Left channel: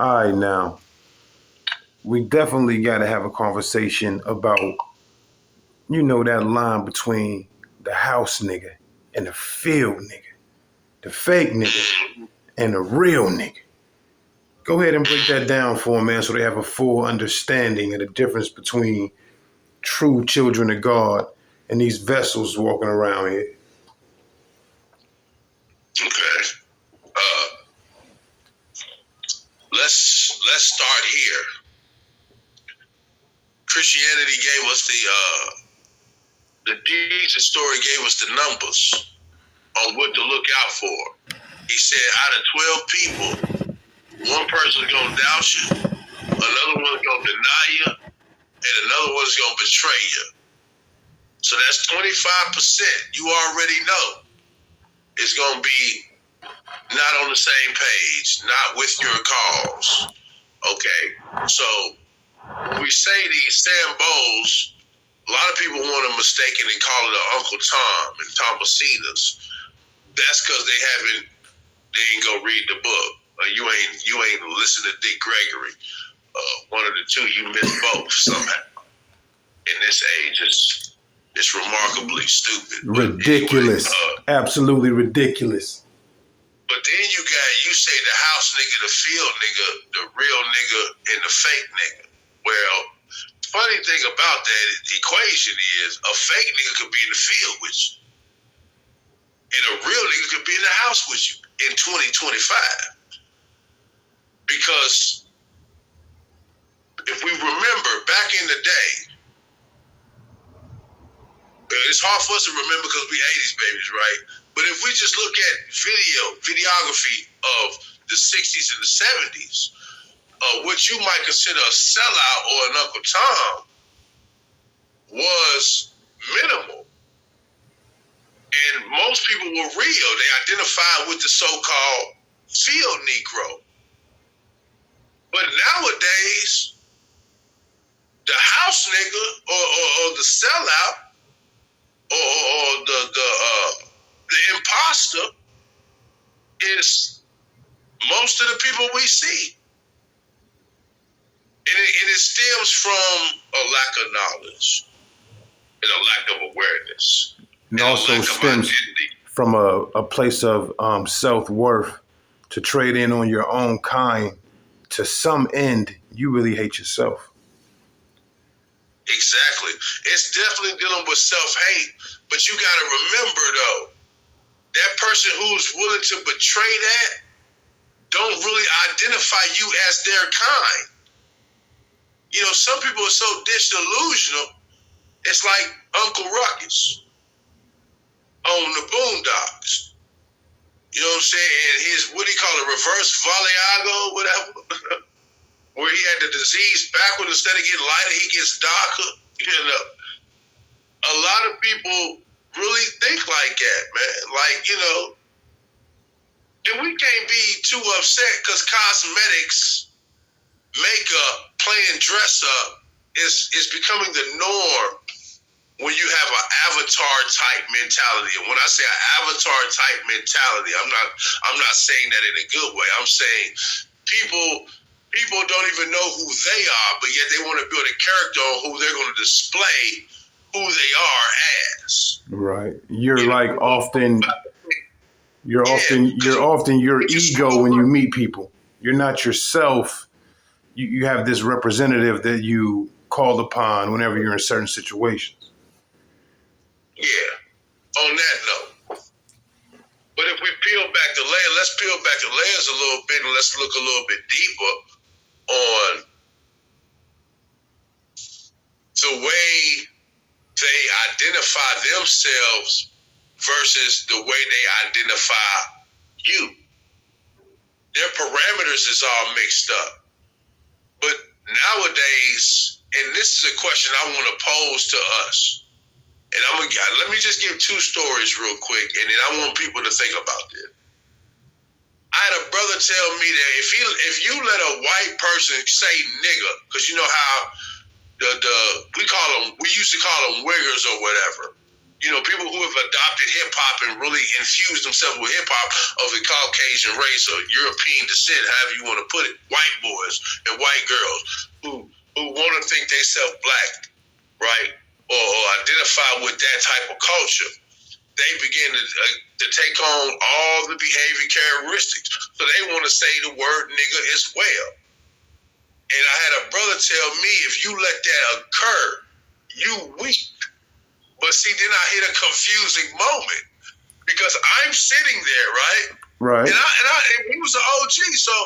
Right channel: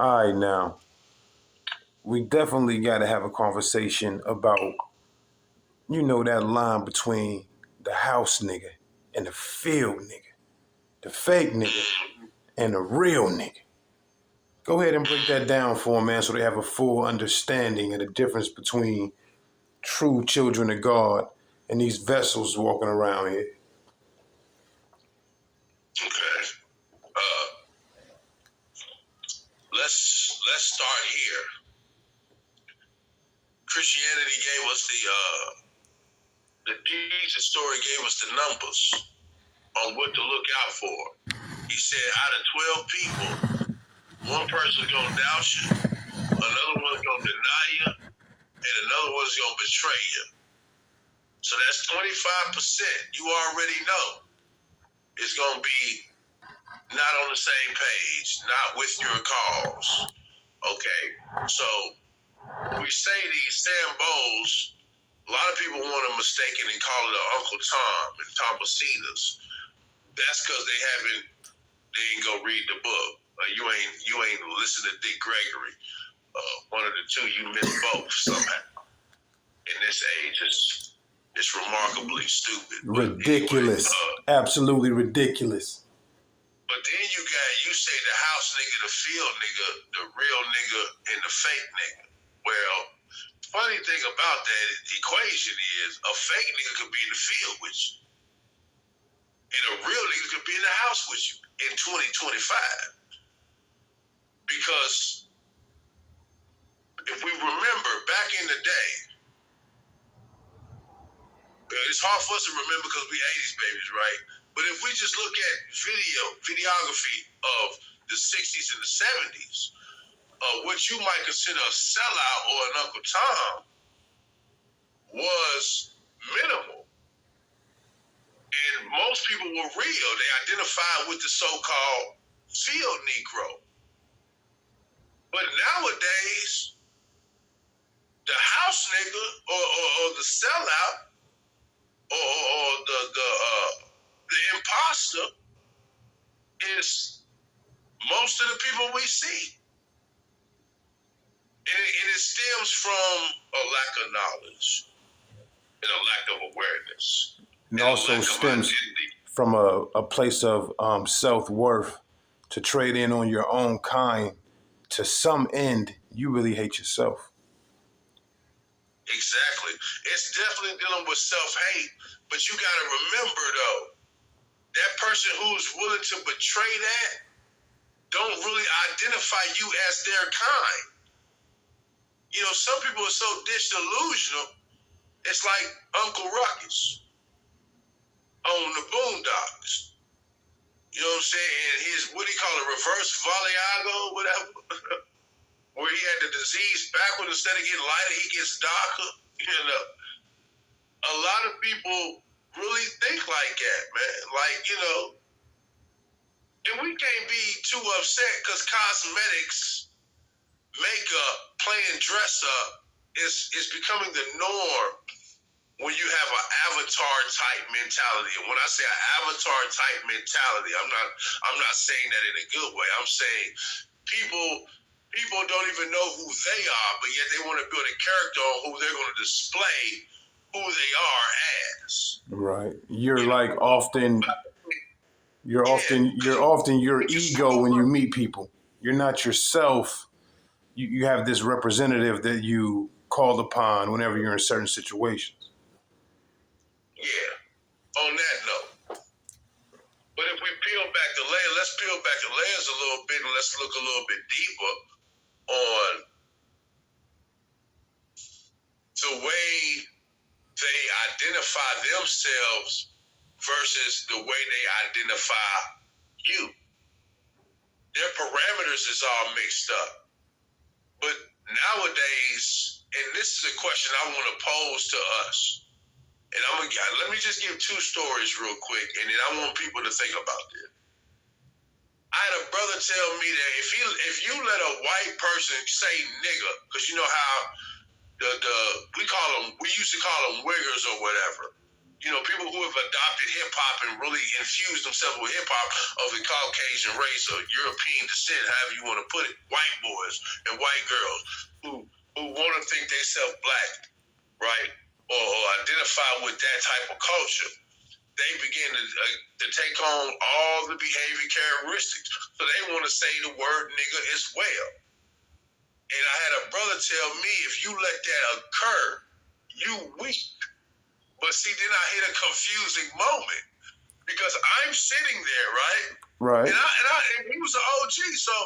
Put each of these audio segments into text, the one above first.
All right, now we definitely got to have a conversation about that line between the house nigga and the field nigga, the fake nigga and the real nigga. Go ahead and break that down for them, man, so they have a full understanding of the difference between true children of God and these vessels walking around here. Okay. Let's start here. Christianity gave us the Jesus story gave us the numbers on what to look out for. He said out of 12 people, one person's gonna doubt you, another one's gonna deny you, and another one's gonna betray you. So that's 25%. You already know it's gonna be not on the same page, not with your cause. Okay, so when we say these Sam Bowles, a lot of people want to mistakenly call it Uncle Tom and Tomasitas. That's because they ain't go read the book. You ain't listen to Dick Gregory. One of the two, you missed both somehow. In this age, it's remarkably stupid. Ridiculous. Anyway, absolutely ridiculous. But then you say the house nigga, the field nigga, the real nigga, and the fake nigga. Well, funny thing about that equation is a fake nigga could be in the field with you. And a real nigga could be in the house with you in 2025. Because if we remember back in the day, it's hard for us to remember because we 80s babies, right? But if we just look at videography of the 60s and the 70s, what you might consider a sellout or an Uncle Tom was minimal. And most people were real. They identified with the so-called field Negro. But nowadays, the house nigga or the sellout or the imposter is most of the people we see. And it stems from a lack of knowledge and a lack of awareness. It also stems from a place of self-worth to trade in on your own kind. To some end, you really hate yourself. Exactly. It's definitely dealing with self-hate. But you got to remember, though, that person who's willing to betray that don't really identify you as their kind. You know, some people are so disillusional, it's like Uncle Ruckus on the Boondocks. You know what I'm saying? His, what do you call it, reverse Valiago, whatever, where he had the disease backward, instead of getting lighter, he gets darker. You know, a lot of people really think like that, man. Like, you know, and we can't be too upset because cosmetics, makeup, playing dress up is becoming the norm when you have an avatar type mentality. And when I say an avatar type mentality, I'm not saying that in a good way. I'm saying people don't even know who they are, but yet they want to build a character on who they're going to display who they are as. Right. You're often your ego when you meet people. You're not yourself. You have this representative that you call upon whenever you're in certain situations. Yeah. On that note. But if we peel back the layer, let's peel back the layers a little bit and let's look a little bit deeper on the way they identify themselves versus the way they identify you. Their parameters is all mixed up. But nowadays, and this is a question I want to pose to us, and let me just give two stories real quick, and then I want people to think about this. I had a brother tell me that if you let a white person say nigga, because you know how we used to call them wiggers or whatever. people who have adopted hip hop and really infused themselves with hip hop of the Caucasian race or European descent, however you want to put it, white boys and white girls who want to think they self black, right, or identify with that type of culture. They begin to take on all the behavior characteristics. So they want to say the word nigga as well. And I had a brother tell me, if you let that occur, you weak. But see, then I hit a confusing moment because I'm sitting there, right? Right. And he was an OG, so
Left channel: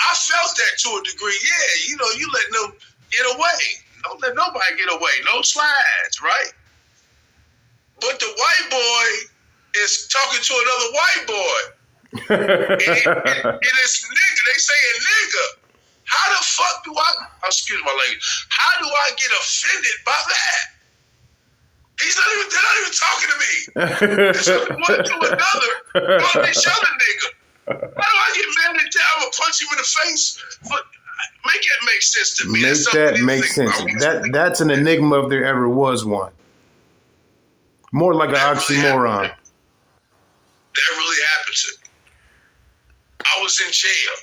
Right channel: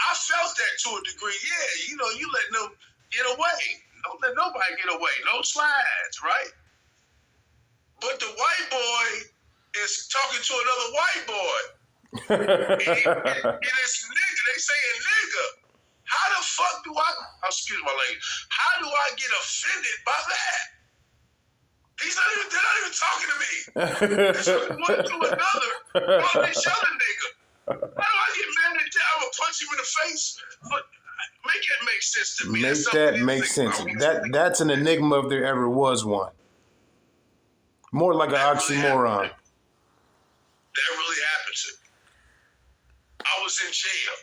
I felt that to a degree. Yeah, you let them get away. Don't let nobody get away. No slides, right? But the white boy is talking to another white boy. and it's nigga. They saying nigga. How the fuck do excuse my language, how do I get offended by that? They're not even talking to me. They're talking one to another, calling each other nigga. How do I get mad at that? I'm going to punch him in the face. Make that make sense to me. Make that make sense. That's an enigma if there ever was one. More like an oxymoron. That really happened to me. I was in jail.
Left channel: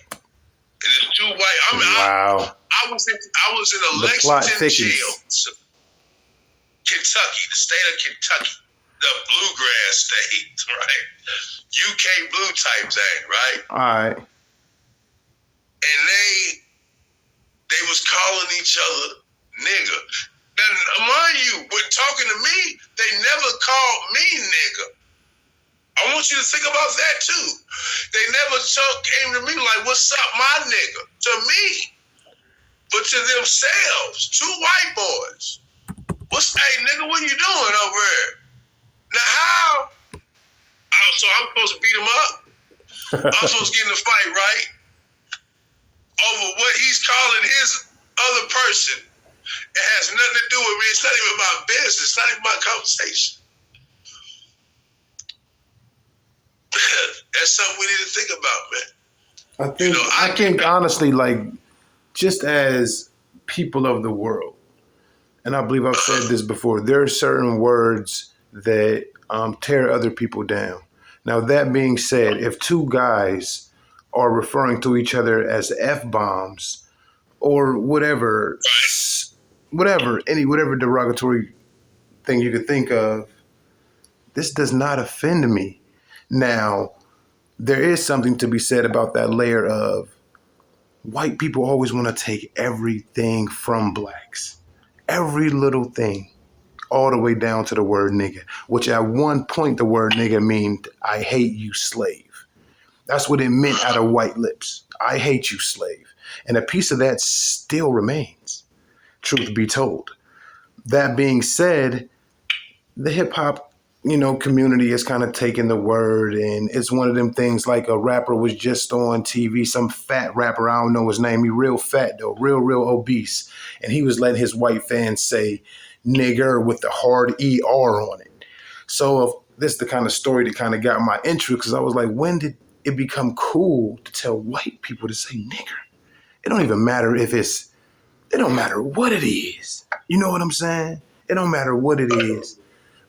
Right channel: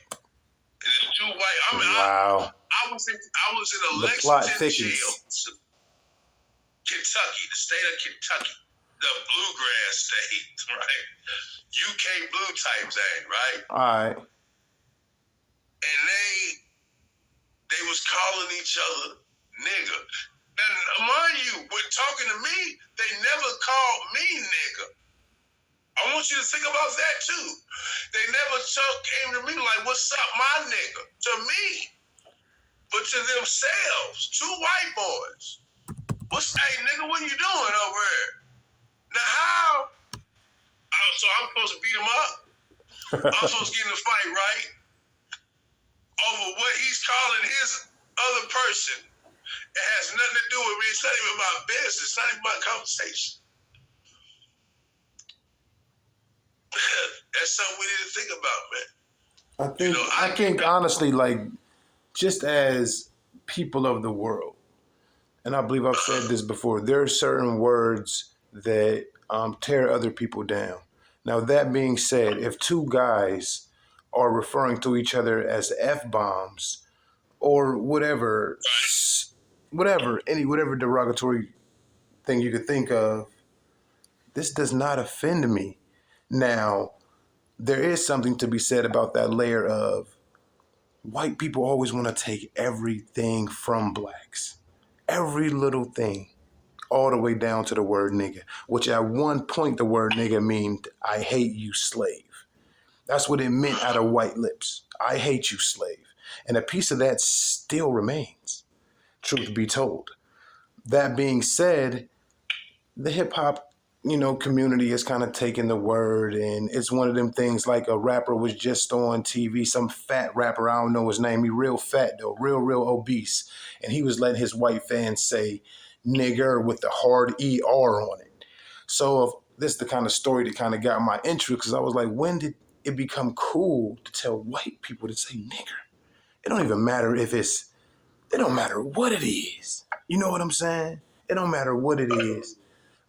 And there's two white. Wow. I was in a The plot Lexington thickens. jail, Kentucky, the state of Kentucky, the bluegrass state, right? UK blue type thing, right? All right. And they was calling each other nigga. Now, mind you, when talking to me, they never called me nigga. I want you to think about that too. They never came to me like, what's up, my nigga? To me. But to themselves, two white boys. Hey, nigga, what you doing over there? Now, how? So I'm supposed to beat him up? I'm supposed to get in a fight, right? Over what he's calling his other person. It has nothing to do with me. It's not even my business. It's not even my conversation. That's something we need to think about, man. I think honestly, like, just as people of the world, and I believe I've said this before, there are certain words that tear other people down. Now, that being said, if two guys are referring to each other as F-bombs or whatever derogatory thing you could think of, this does not offend me. Now, there is something to be said about that layer of white people always want to take everything from blacks. Every little thing, all the way down to the word nigga, which at one point the word nigga meant, I hate you, slave. That's what it meant out of white lips. I hate you, slave. And a piece of that still remains, truth be told. That being said, the hip hop, community has kind of taken the word, and it's one of them things like a rapper was just on TV, some fat rapper, I don't know his name, he real fat though, real obese, and he was letting his white fans say nigger with the hard ER on it. So this is the kind of story that kind of got my interest, because I was like, when did it become cool to tell white people to say nigger? It don't even matter it don't matter what it is. You know what I'm saying? It don't matter what it is.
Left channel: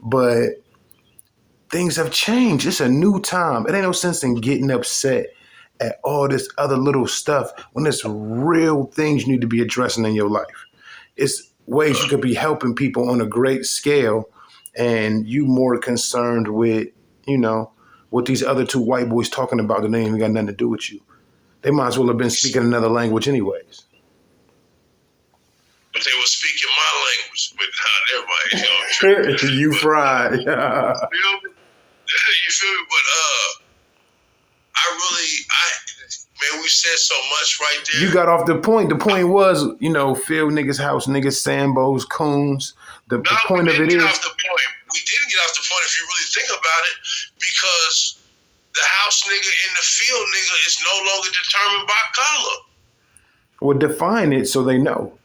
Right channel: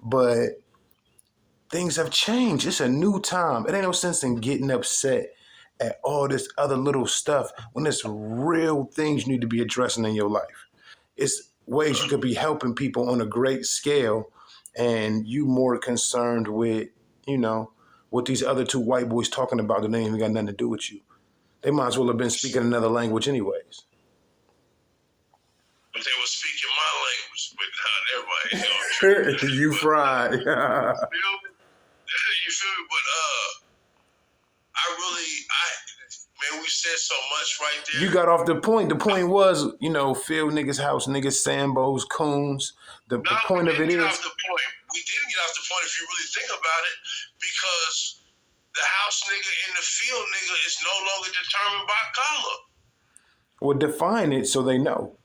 But things have changed. It's a new time. It ain't no sense in getting upset at all this other little stuff when there's real things you need to be addressing in your life. It's ways you could be helping people on a great scale, and you more concerned with, what these other two white boys talking about that ain't even got nothing to do with you. They might as well have been speaking another language anyways. But they were speaking my language, but not everybody. You fried. You feel me? But man, we said so much right there. You got off the point. The point was, field niggas, house niggas, Sambos, coons. The point of it is. We didn't get off the point if you really think about it, because the house nigga and the field nigga is no longer determined by color. Well, define it so they know.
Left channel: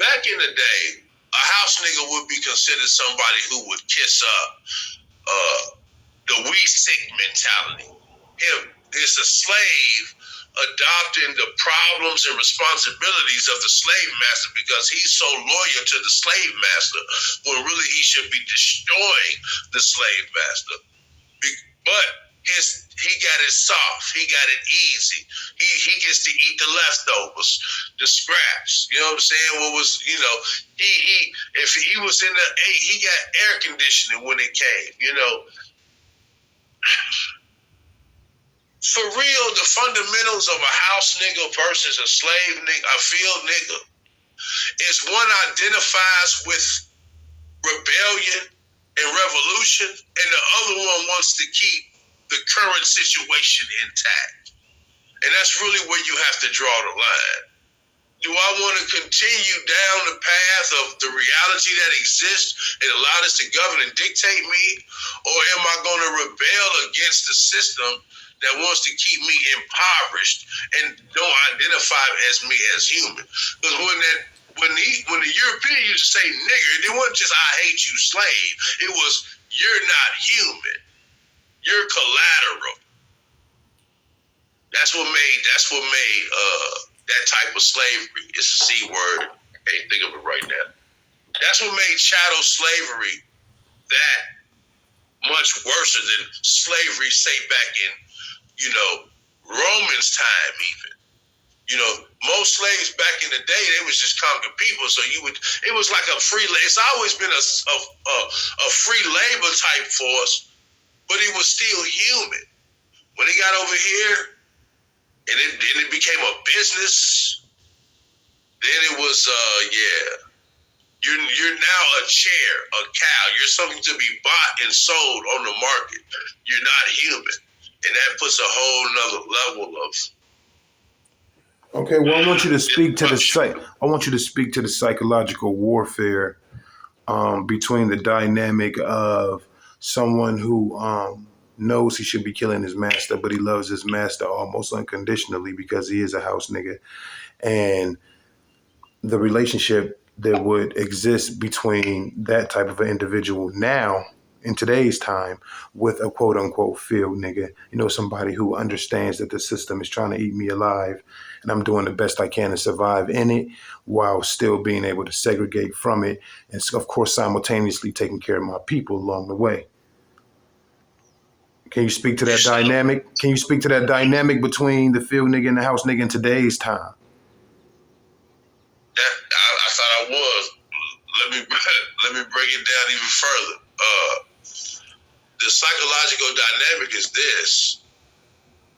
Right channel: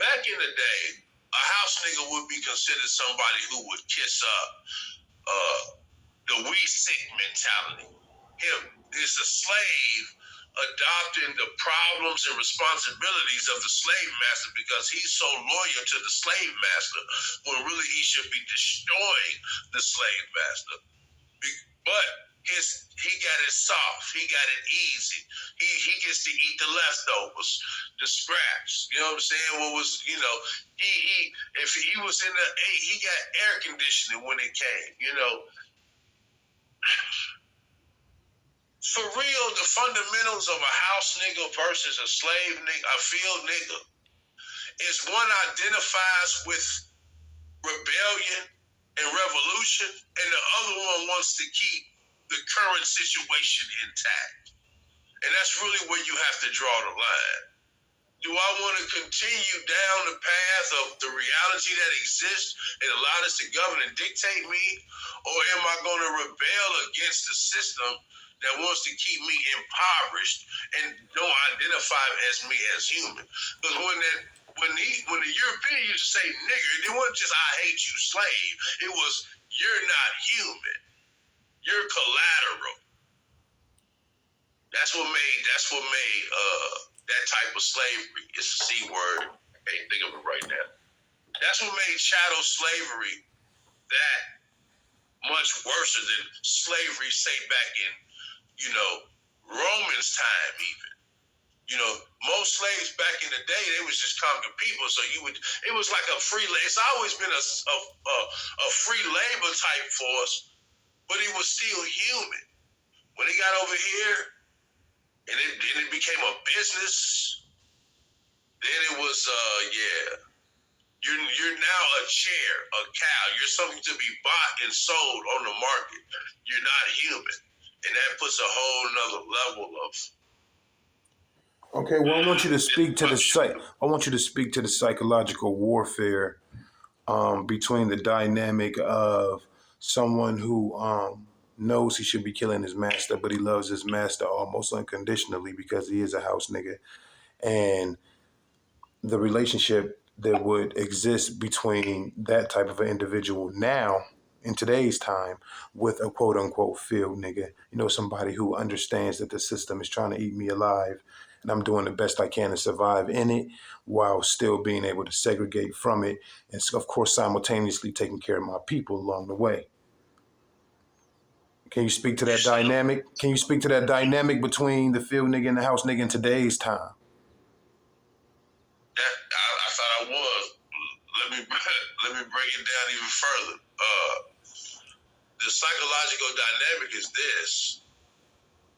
Back in the day, a house nigga would be considered somebody who would kiss the we sick mentality. Him is a slave adopting the problems and responsibilities of the slave master because he's so loyal to the slave master when really he should be destroying the slave master. But he got it soft. He got it easy. He gets to eat the leftovers, the scraps. You know what I'm saying? What was, he if he was in he got air conditioning when it came, For real, the fundamentals of a house nigga versus a slave nigga, a field nigga, is one identifies with rebellion and revolution, and the other one wants to keep the current situation intact. And that's really where you have to draw the line. Do I want to continue down the path of the reality that exists and allow this to govern and dictate me? Or am I going to rebel against the system that wants to keep me impoverished and don't identify as me as human? Because when the European used to say nigger, it wasn't just I hate you slave. It was you're not human. You're collateral. That's what made that type of slavery. It's a C word. I can't think of it right now. That's what made chattel slavery that much worse than slavery, say back in, Romans time even. Most slaves back in the day, they was just conquering people. So it was like a free, it's always been a free labor type force, but it was still human. When they got over here, and then it became a business, then it was, you're now a chair, a cow. You're something to be bought and sold on the market. You're not human. And that puts a whole nother level of. Okay, well, I want you to speak to the psychological warfare between the dynamic of someone who knows he should be killing his master, but he loves his master almost unconditionally because he is a house nigga, and the relationship that would exist between that type of an individual now in today's time with a quote unquote field nigga, somebody who understands that the system is trying to eat me alive and I'm doing the best I can to survive in it while still being able to segregate from it. And of course, simultaneously taking care of my people along the way. Can you speak to that dynamic? Can you speak to that dynamic between the field nigga and the house nigga in today's time? I thought I was. Let me break it down even further. The psychological dynamic is this:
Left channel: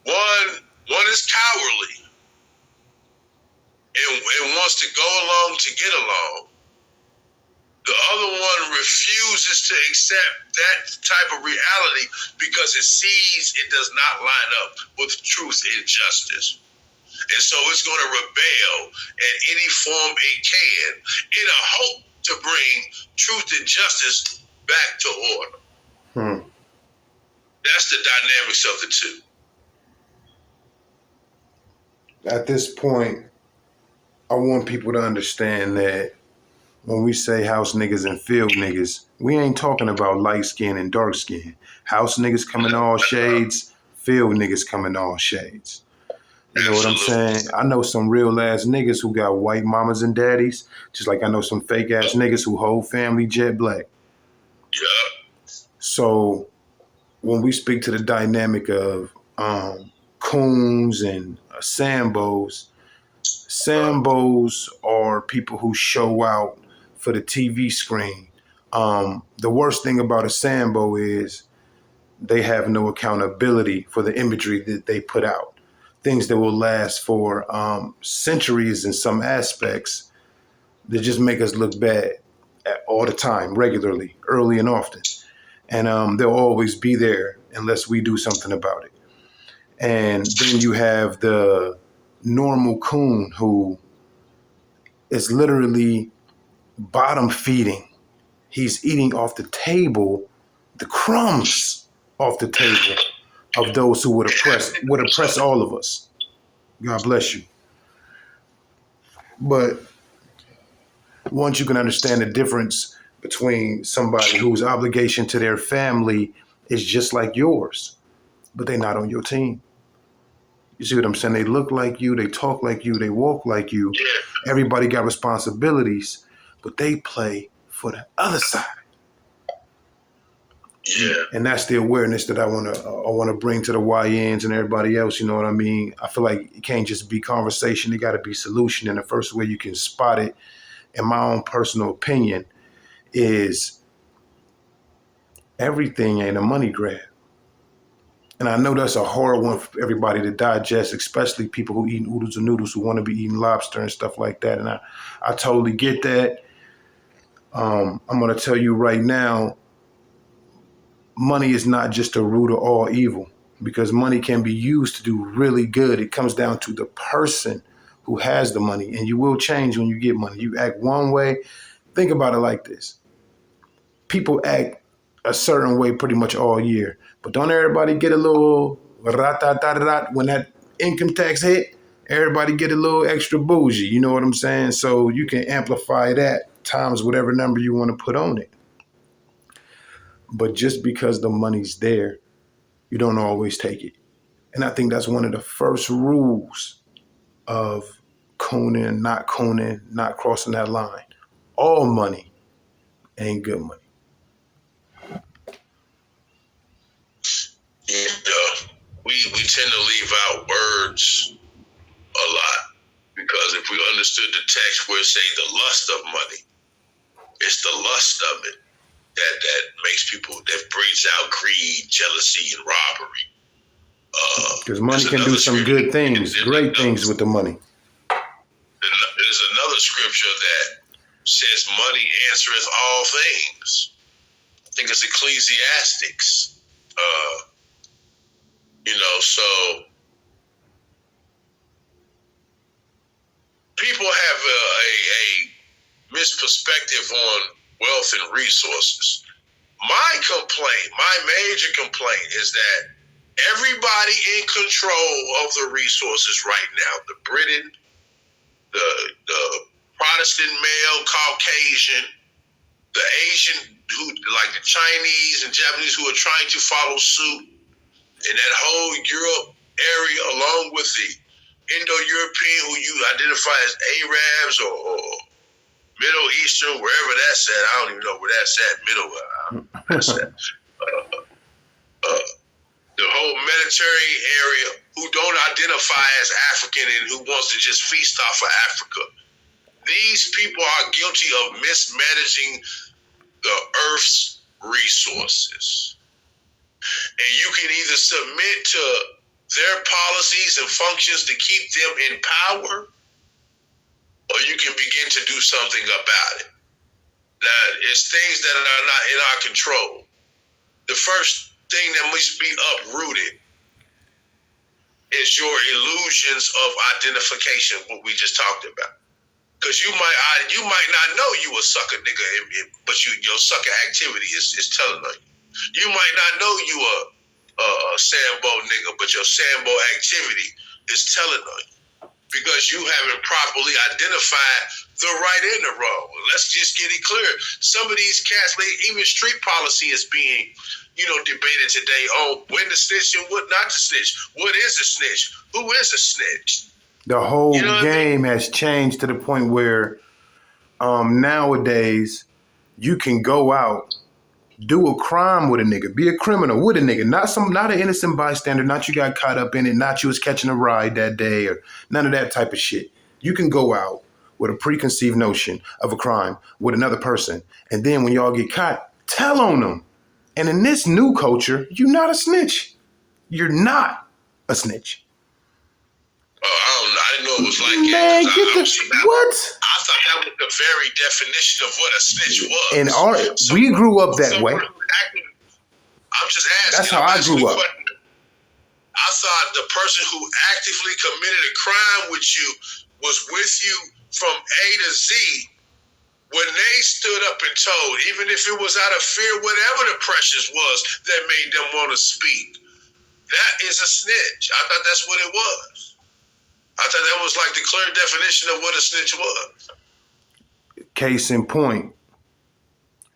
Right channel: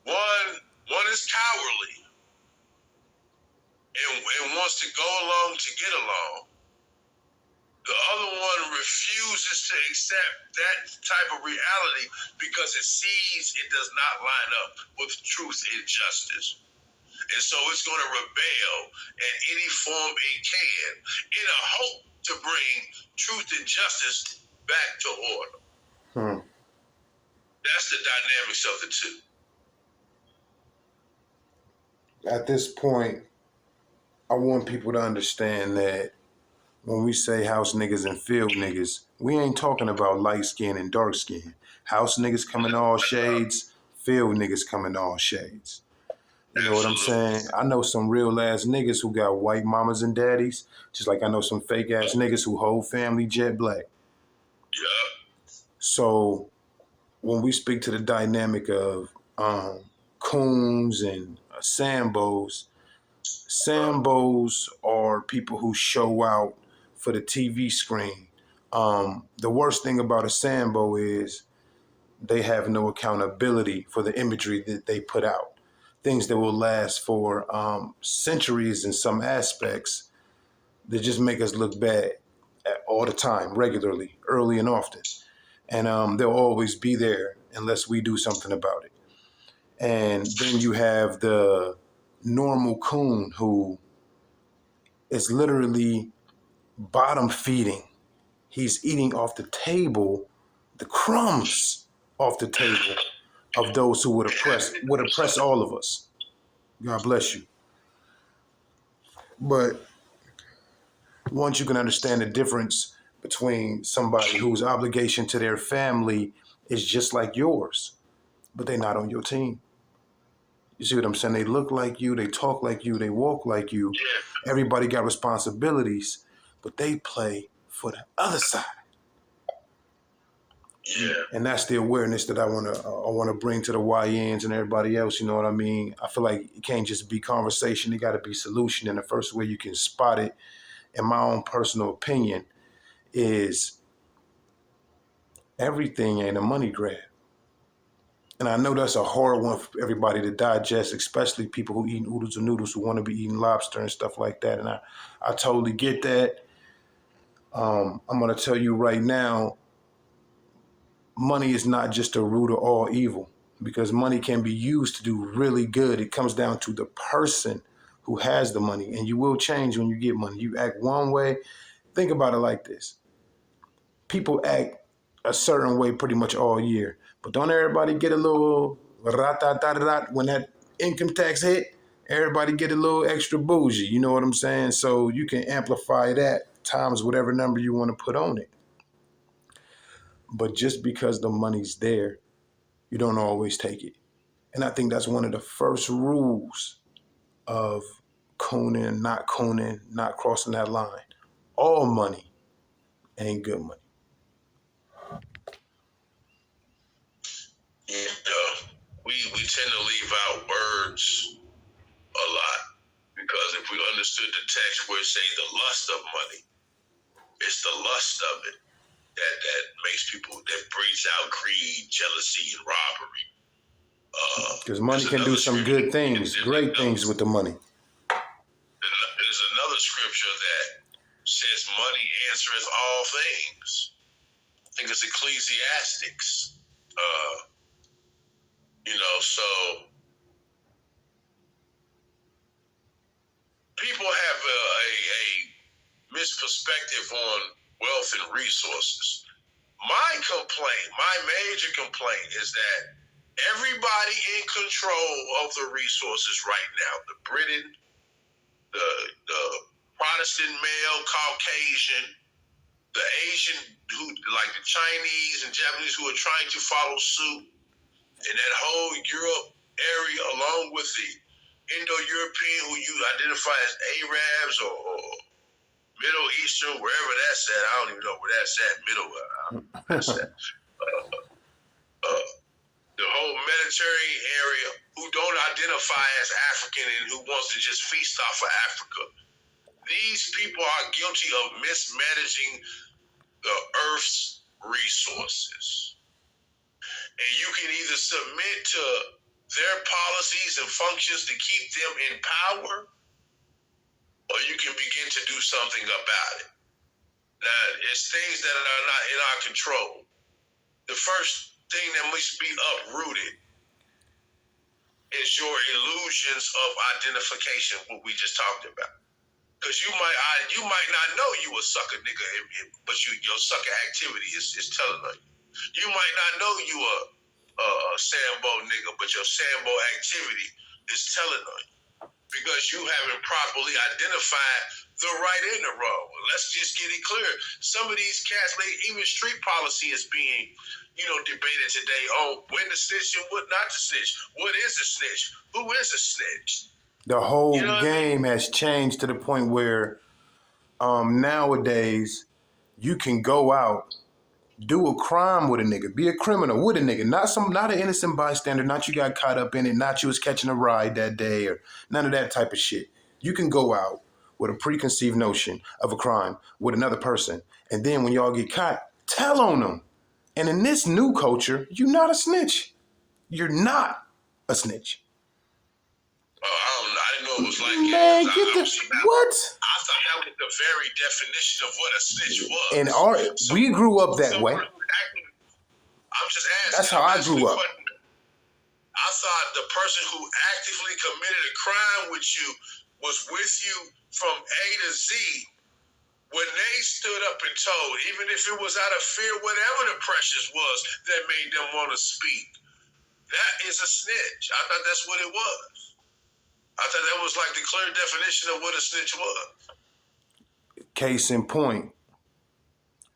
one is cowardly and wants to go along to get along. The other one refuses to accept that type of reality because it sees it does not line up with truth and justice. And so it's going to rebel in any form it can in a hope to bring truth and justice back to order. That's the dynamics of the two. At this point, I want people to understand that when we say house niggas and field niggas, we ain't talking about light skin and dark skin. House niggas come in all shades, field niggas come in all shades. You know what I'm saying? I know some real ass niggas who got white mamas and daddies, just like I know some fake ass niggas who whole family jet black. Yeah. So when we speak to the dynamic of coons and Sambos are people who show out for the TV screen. The worst thing about a Sambo is they have no accountability for the imagery that they put out. Things that will last for centuries in some aspects that just make us look bad all the time, regularly, early and often. And they'll always be there unless we do something about it. And then you have the normal coon who is literally bottom feeding. He's eating off the table, the crumbs off the table of those who would oppress all of us. God bless you. But once you can understand the difference between somebody whose obligation to their family is just like yours, but they're not on your team. You see what I'm saying? They look like you, they talk like you, they walk like you. Yeah. Everybody got responsibilities, but they play for the other side. Yeah. And that's the awareness that I wanna bring to the YNs and everybody else. You know what I mean? I feel like it can't just be conversation; it got to be solution. And the first way you can spot it, in my own personal opinion, is everything ain't a money grab. And I know that's a hard one for everybody to digest, especially people who eat oodles and noodles, who want to be eating lobster and stuff like that. And I totally get that. I'm going to tell you right now, money is not just the root of all evil, because money can be used to do really good. It comes down to the person who has the money, and you will change when you get money. You act one way. Think about it like this. People act a certain way pretty much all year, but don't everybody get a little rat when that income tax hit? Everybody get a little extra bougie, you know what I'm saying? So you can amplify that times whatever number you want to put on it. But just because the money's there, you don't always take it. And I think that's one of the first rules of cooning, not crossing that line. All money ain't good money. Yeah. We tend to leave out words a lot, because if we understood the text where it say the lust of money, it's the lust of it that makes people, that breeds out greed, jealousy, and robbery. Because money can do some good things, great things with the money. There's another scripture that says money answereth all things. I think it's Ecclesiastics. So people have a misperspective on wealth and resources. My major complaint is that everybody in control of the resources right now, the Britain, the Protestant male, Caucasian, the Asian, who like the Chinese and Japanese, who are trying to follow suit, and that whole Europe area, along with the Indo-European, who you identify as Arabs or Middle Eastern, wherever that's at. I don't even know where that's at. That's at. The whole Mediterranean area, who don't identify as African and who wants to just feast off of Africa. These people are guilty of mismanaging the earth's resources. And you can either submit to their policies and functions to keep them in power, or you can begin to do something about it. Now, it's things that are not in our control. The first thing that must be uprooted is your illusions of identification, what we just talked about. Because you might not know you a sucker nigga, but your sucker activity is telling on you. You might not know you a Sambo nigga, but your Sambo activity is telling on you, because you haven't properly identified the right and the wrong. Let's just get it clear. Some of these cats, even street policy is being, debated today on when to snitch and what not to snitch. What is a snitch? Who is a snitch? The whole game has changed to the point where nowadays you can go out, do a crime with a nigga, be a criminal with a nigga, not an innocent bystander, not you got caught up in it, not you was catching a ride that day, or none of that type of shit. You can go out with a preconceived notion of a crime with another person, and then when y'all get caught, tell on them. And in this new culture, you're not a snitch. You're not a snitch. I didn't know it was like Man, what? I thought that was the very definition of what a snitch was. And we grew up that way. I'm just asking. That's how I grew up. I thought the person who actively committed a crime with you was with you from A to Z. When they stood up and told, even if it was out of fear, whatever the pressures was that made them want to speak, that is a snitch. I thought that's what it was. I thought that was like the clear definition of what a snitch was. Case in point,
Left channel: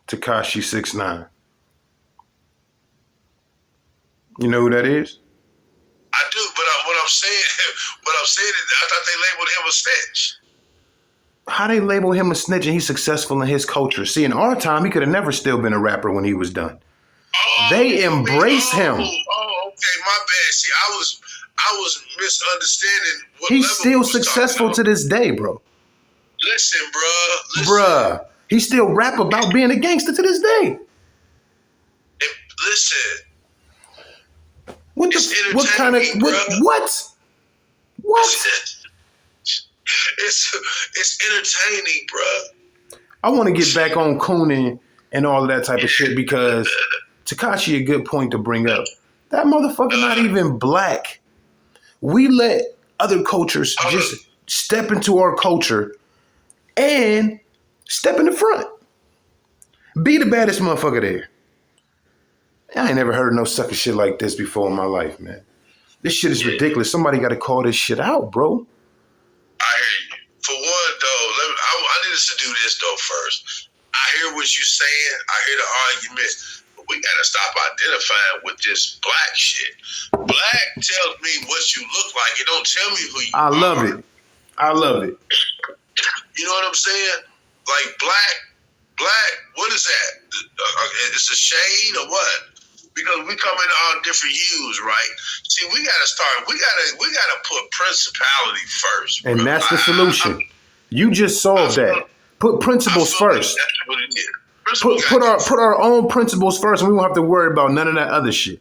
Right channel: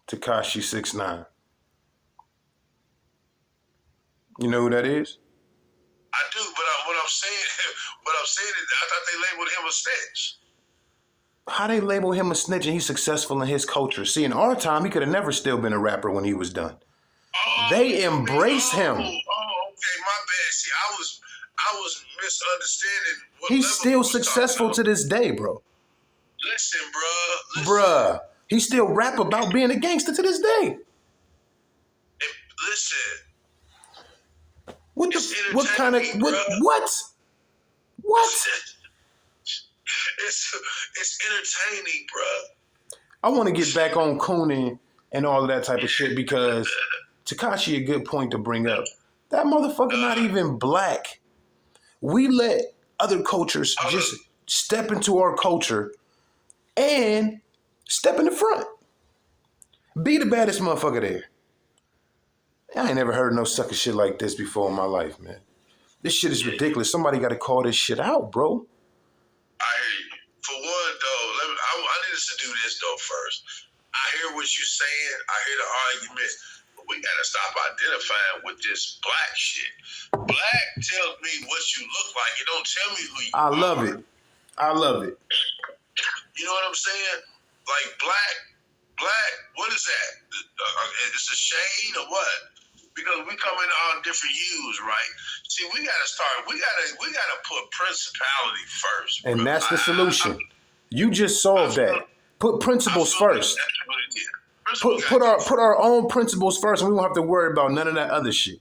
Tekashi 6ix9ine. You know who that is? I do, but what I'm saying, is, I thought they labeled him a snitch. How they label him a snitch and he's successful in his culture? See, in our time, he could have never still been a rapper when he was done. They embrace him. Oh, okay, my bad. See, I was misunderstanding what He's level still we was successful talking to this day, bro. Listen, bruh. Bruh. He still rap about being a gangster to this day. Listen. What what kind of what? It's entertaining, bruh. I want to get back on Coonan and all of that type of shit because Tekashi a good point to bring up. That motherfucker not even black. We let other cultures just step into our culture and step in the front. Be the baddest motherfucker there. I ain't never heard no sucker shit like this before in my life, man. This shit is ridiculous. Somebody got to call this shit out, bro. I hear you. For one, though, I need us to do this, though, first. I hear what you're saying. I hear the argument. But we got to stop identifying with this black shit. Black tells me what you look like. It don't tell me who you are. I love it. You know what I'm saying? Like, black, what is that? It's a shade or what? Because we come in all different hues, right? See, we gotta put principality first. And that's the solution. You just solved that. Put principles first. That's what it is. Put our own principles first, and we won't have to worry about none of that other shit.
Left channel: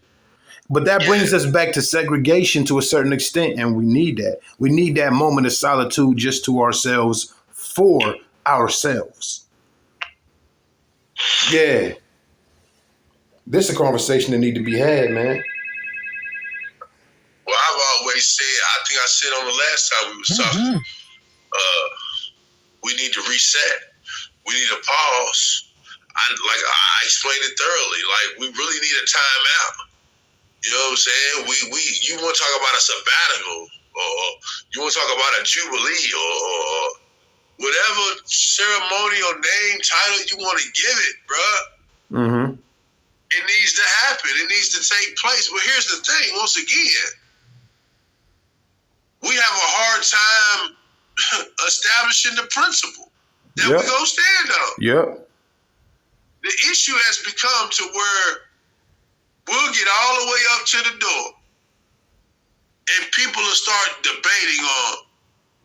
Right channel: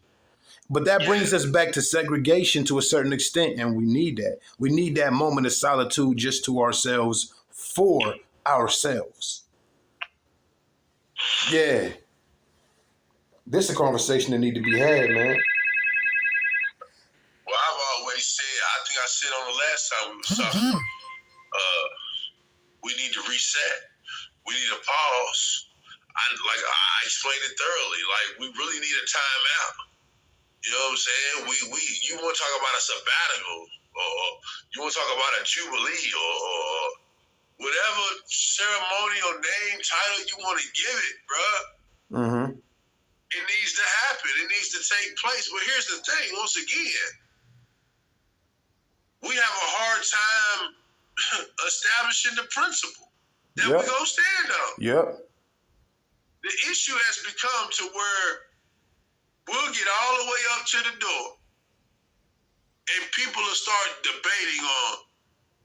But that brings us back to segregation to a certain extent, and we need that. We need that moment of solitude just to ourselves, for ourselves. Yeah. This is a conversation that need to be had, man. Well, I've always said, I think I said on the last time we was talking, we need to reset. We need to pause. I explained it thoroughly. Like, we really need a timeout. You know what I'm saying? You want to talk about a sabbatical, or you want to talk about a jubilee, or whatever ceremonial name, title you want to give it, bruh. Mm-hmm. It needs to happen. It needs to take place. But here's the thing, once again, we have a hard time establishing the principle that we're going to stand on. Yep. The issue has become to where we'll get all the way up to the door and people will start debating on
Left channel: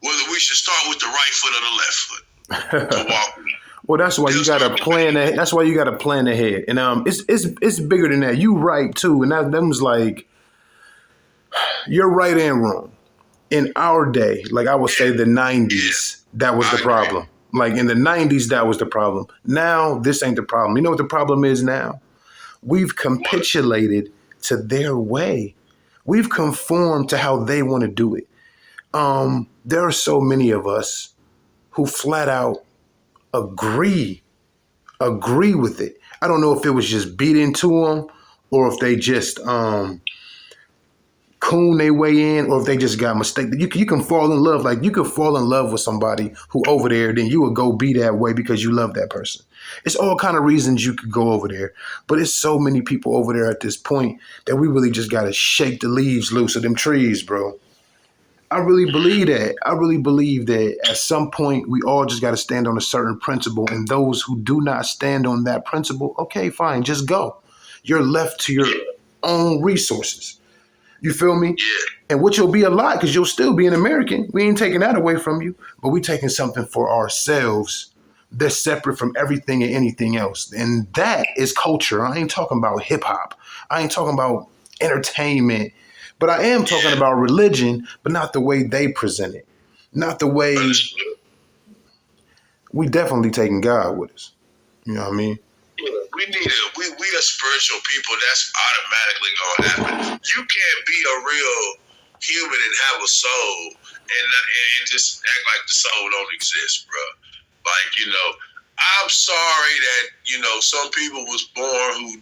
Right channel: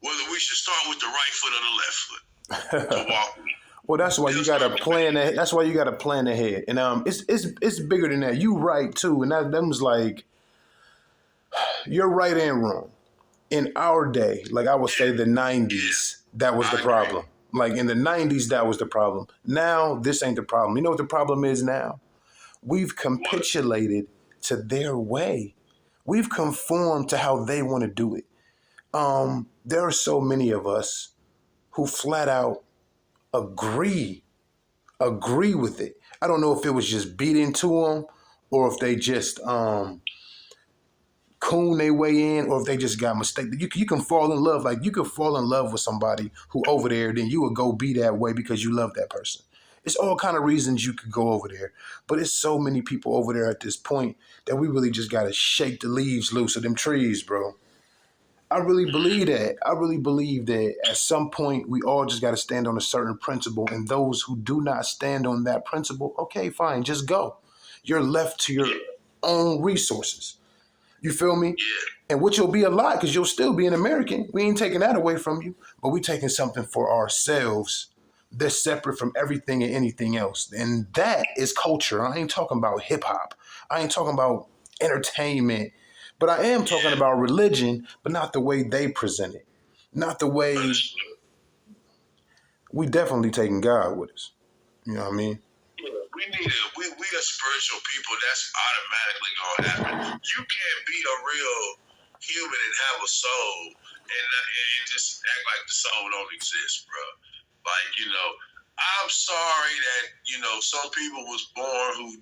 whether we should start with the right foot or the left foot to walk. Well, that's why you gotta plan. That's why you gotta plan ahead, and it's bigger than that. You right too, and that was like, you're right and wrong. In our day, like I would say, the '90s, that was the problem. Like in the '90s, that was the problem. Now this ain't the problem. You know what the problem is now? We've capitulated to their way. We've conformed to how they want to do it. There are so many of us who flat out agree with it. I don't know if it was just beat into them or if they just coon their way in, or if they just got mistaken. You can fall in love. Like you could fall in love with somebody who over there, then you would go be that way because you love that person. It's all kind of reasons you could go over there, but it's so many people over there at this point that we really just got to shake the leaves loose of them trees, bro. I really believe that. I really believe that at some point we all just got to stand on a certain principle, and those who do not stand on that principle, okay, fine, just go. You're left to your own resources. You feel me? And which will be a lot because you'll still be an American. We ain't taking that away from you, but we taking something for ourselves that's separate from everything and anything else. And that is culture. I ain't talking about hip hop. I ain't talking about entertainment. But I am talking about religion, but not the way they present it. Not the way we definitely taking God with us. You know what I mean? We need it. We are spiritual people. That's automatically gonna happen. You can't be a real human and have a soul and just act like the soul don't exist, bro. Like, I'm sorry that, some people was born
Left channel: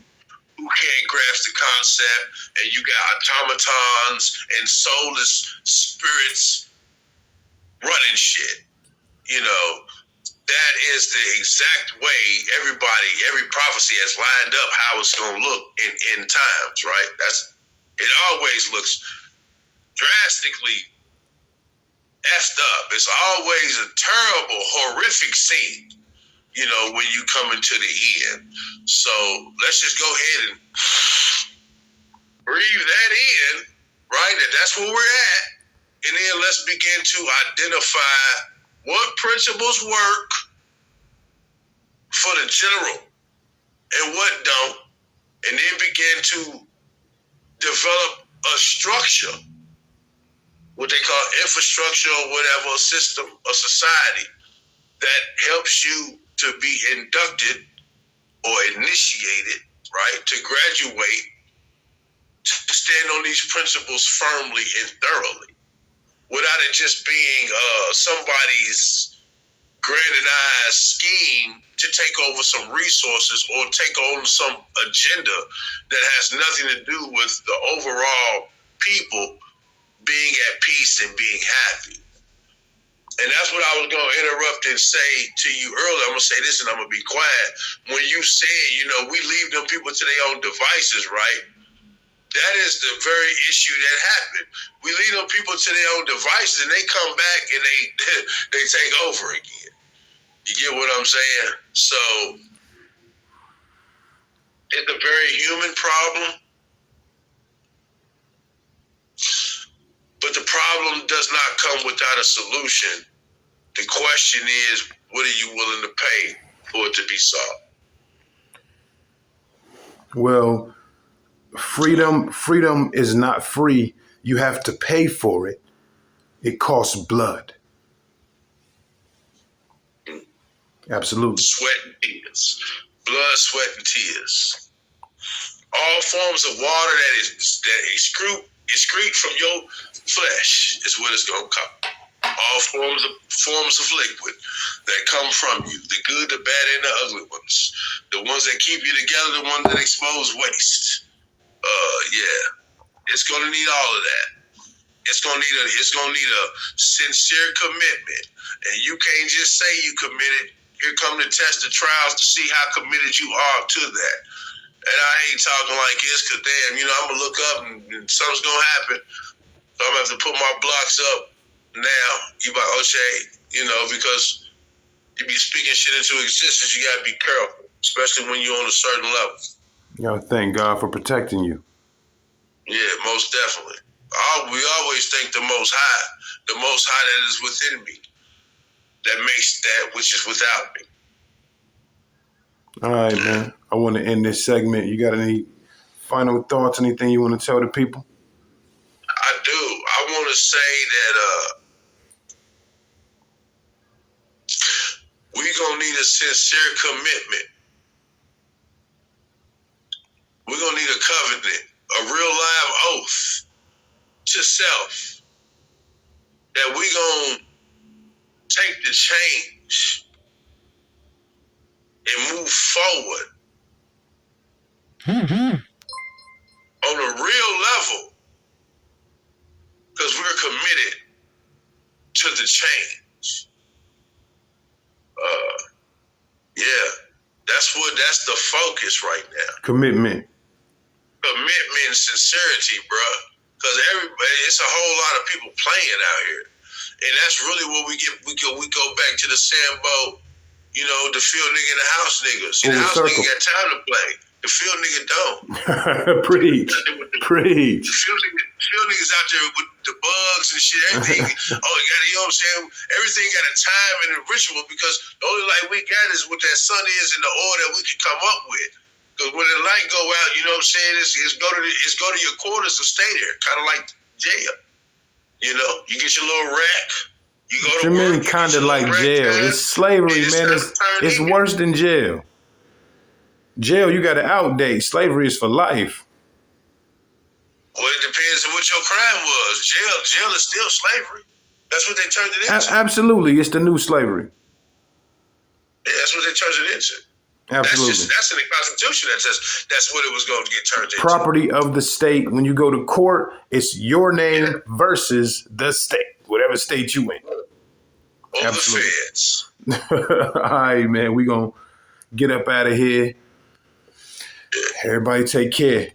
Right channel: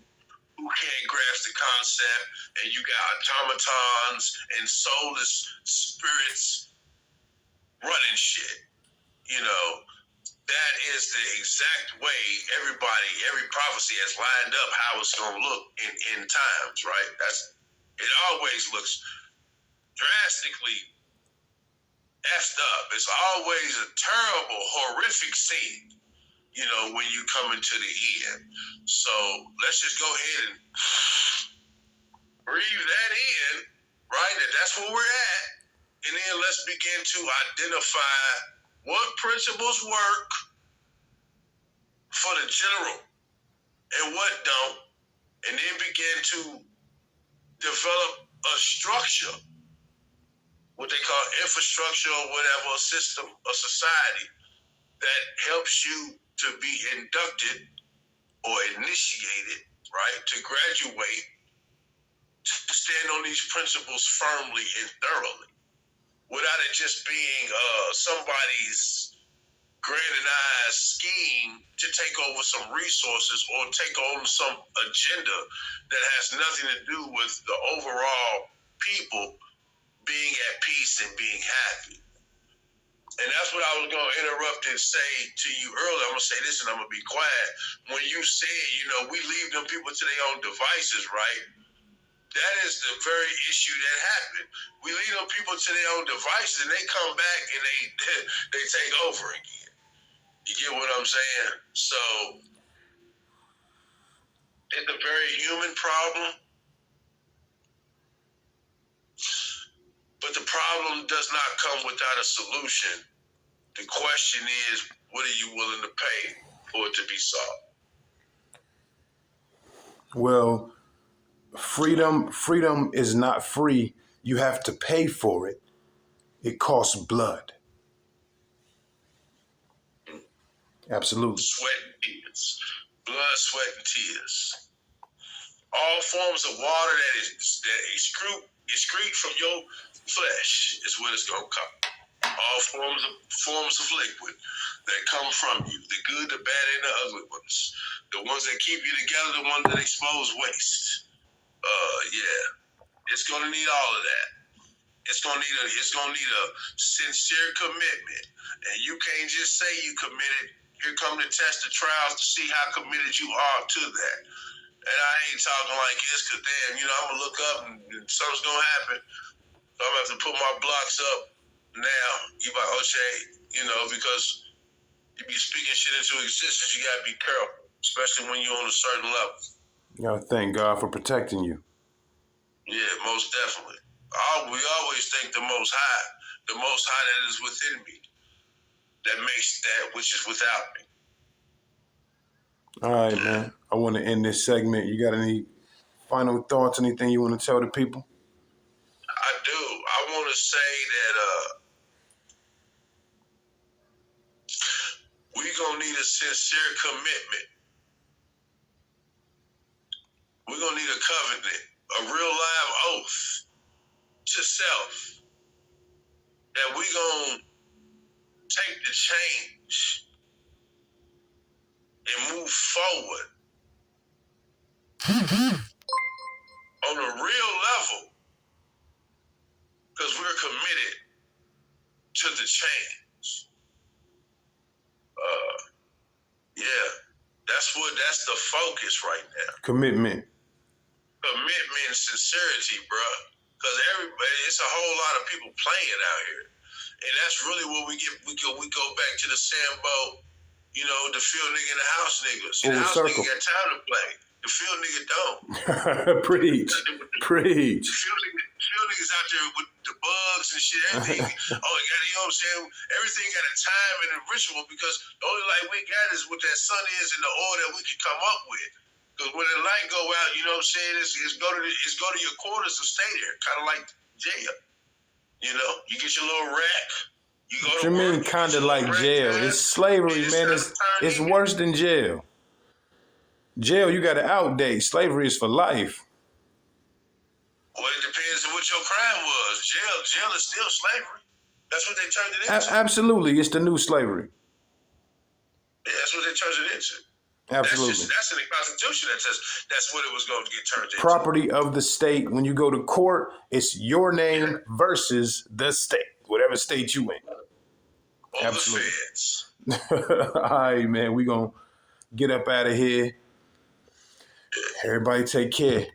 who can't grasp the concept, and you got automatons and soulless spirits running shit. That is the exact way every prophecy has lined up how it's going to look in times, right? It always looks drastic drastically effed up. It's always a terrible, horrific scene, when you come into the end. So let's just go ahead and breathe that in, right? And that's where we're at. And then let's begin to identify what principles work for the general and what don't, and then begin to develop a structure, what they call infrastructure or whatever, a system, a society that helps you to be inducted or initiated, right, to graduate, to stand on these principles firmly and thoroughly, without it just being somebody's grandized scheme to take over some resources or take on some agenda that has nothing to do with the overall people being at peace and being happy. And that's what I was going to interrupt and say to you earlier. I'm going to say this and I'm going to be quiet. When you said, we leave them people to their own devices, right? That is the very issue that happened. We leave them people to their own devices and they come back and they take over again. You get what I'm saying? So it's a very human problem. But the problem does not come without a solution. The question is, what are you willing to pay for it to be solved? Well, freedom is not free. You have to pay for it. It costs blood. Absolutely. Sweat and tears. Blood, sweat, and tears. All forms of water that excrete from your flesh is what it's going to come. All forms of liquid that come from you, the good, the bad, and the ugly ones. The ones that keep you together, the ones that expose waste. It's going to need all of that. It's going to need a sincere commitment. And you can't just say you committed. Here come the test of trials to see how committed you are to that. And I ain't talking like this because, damn, I'm going to look up and something's going to happen. So I'm going to have to put my blocks up now. You about O'Shea, because you be speaking shit into existence. You got to be careful, especially when you're on a certain level. Thank God for protecting you. Yeah, most definitely. We always thank the Most High that is within me, that makes that which is without me. All right, man. I want to end this segment. You got any final thoughts, anything you want to tell the people? I do. I want to say that we're going to need a sincere commitment. We're going to need a covenant, a real live oath to self that we're going to take the change and move forward on a real level because we're committed to the change. That's the focus right now. Commitment And sincerity, bro. Because it's a whole lot of people playing out here. And that's really what we go back to the Sambo, the field nigga and the house niggas. The house nigga got time to play. The field nigga don't. Preach. The field niggas out there with the bugs and shit, everything. You know what I'm saying? Everything got a time and a ritual because the only light we got is what that sun is and the oil that we can come up with. Because when the light go out, you know what I'm saying? It's go to your quarters and stay there, kind of like jail. You get your little rack. You go to work. Kind of like jail. It's slavery, man. It's worse than jail. Jail, you got to outdate. Slavery is for life. Well, it depends on what your crime was. Jail is still slavery. That's what they turned it into. Absolutely, it's the new slavery. Yeah, that's what they turned it into. Absolutely. That's in the Constitution that says that's what it was going to get turned into. Property of the state. When you go to court, it's your name versus the state, whatever state you in. Or absolutely. The feds. All right, man. We're going to get up out of here. Everybody take care.